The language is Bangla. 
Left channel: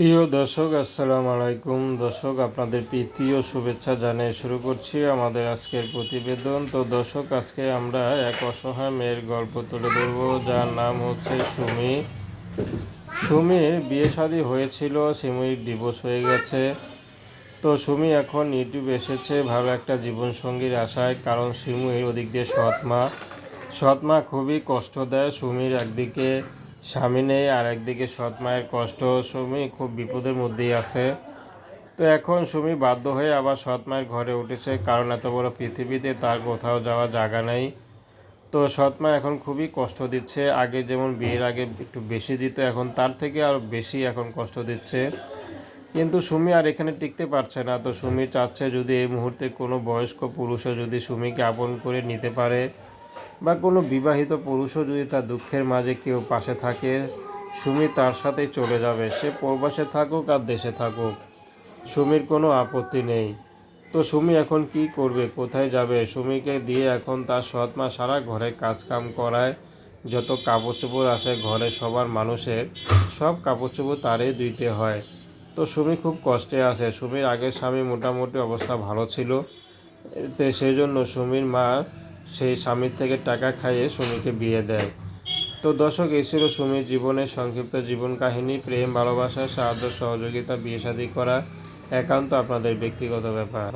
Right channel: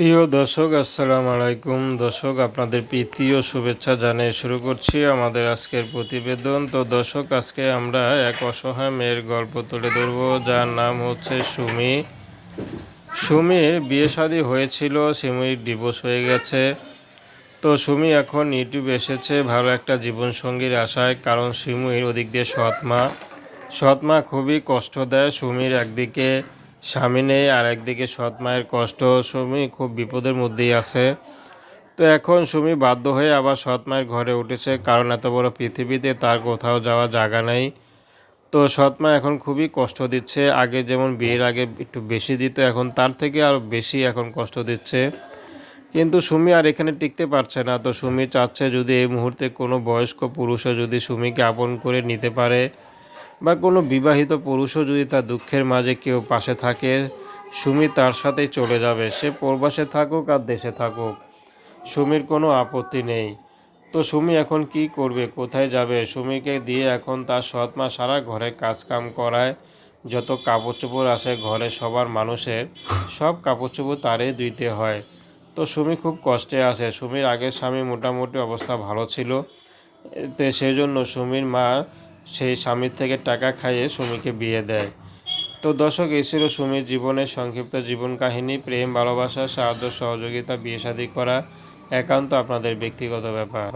প্রিয় দর্শক, আসসালামু আলাইকুম। দর্শক, আপনাদের প্রীতি শুভেচ্ছা জানিয়ে শুরু করছি আমাদের আজকের প্রতিবেদন। তো দর্শক, আজকে আমরা এক অসহায় মেয়ের গল্প তুলে ধরবো, যার নাম হচ্ছে সুমি। সুমির বিয়ে শাদী হয়েছিল, সুমির ডিভোর্স হয়ে গেছে। তো সুমি এখন ইউটিউবে এসেছে, ভালো একটা জীবনসঙ্গীর আশায়, কারণ সুমির ওদিক দিয়ে সৎ মা। সৎ মা খুবই কষ্ট দেয় সুমির একদিকে। স্বামী নেই, আর একদিকে সৎ মায়ের কষ্ট সুমি খুব বিপদের মধ্যেই আছে। তো এখন সুমি বাধ্য হয়ে আবার সৎ মায়ের ঘরে উঠেছে, কারণ এত বড় পৃথিবীতে তার কোথাও যাওয়ার জায়গা নেই। তো সৎ মা এখন খুবই কষ্ট দিচ্ছে, আগে যেমন বিয়ের আগে একটু বেশি দিত, এখন তার থেকে আরও বেশি এখন কষ্ট দিচ্ছে। কিন্তু সুমি আর এখানে টিকতে পারছে না, তো সুমি চাচ্ছে যদি এই মুহূর্তে কোনো বয়স্ক পুরুষও যদি সুমিকে আপন করে নিতে পারে বা কোনো বিবাহিত পুরুষও যদি তার দুঃখের মাঝে কেউ পাশে থাকে, সুমি তার সাথেই চলে যাবে। সে প্রবাসে থাকুক আর দেশে থাকুক। সুমির কোনো আপত্তি নেই। তো সুমি এখন কি করবে? কোথায় যাবে? সুমিকে দিয়ে এখন তার সৎ মা সারা ঘরে কাজকাম করায়। যত কাপড় চোপড় আসে ঘরে সবার মানুষের, সব কাপড় চোপড় তারই দিতে হয়। তো সুমি খুব কষ্টে আছে। সুমির আগের স্বামী মোটামুটি অবস্থা ভালো ছিল। তো সেই জন্য সুমির মা সেই স্বামীর থেকে টাকা খাইয়ে সুমিকে বিয়ে দেয়। তো দর্শক, এই ছিল সুমির জীবনের সংক্ষিপ্ত জীবন কাহিনী, প্রেম, ভালোবাসা, সাহায্য, সহযোগিতা, বিয়ে শাদী করা, একান্ত আপনাদের ব্যক্তিগত ব্যাপার।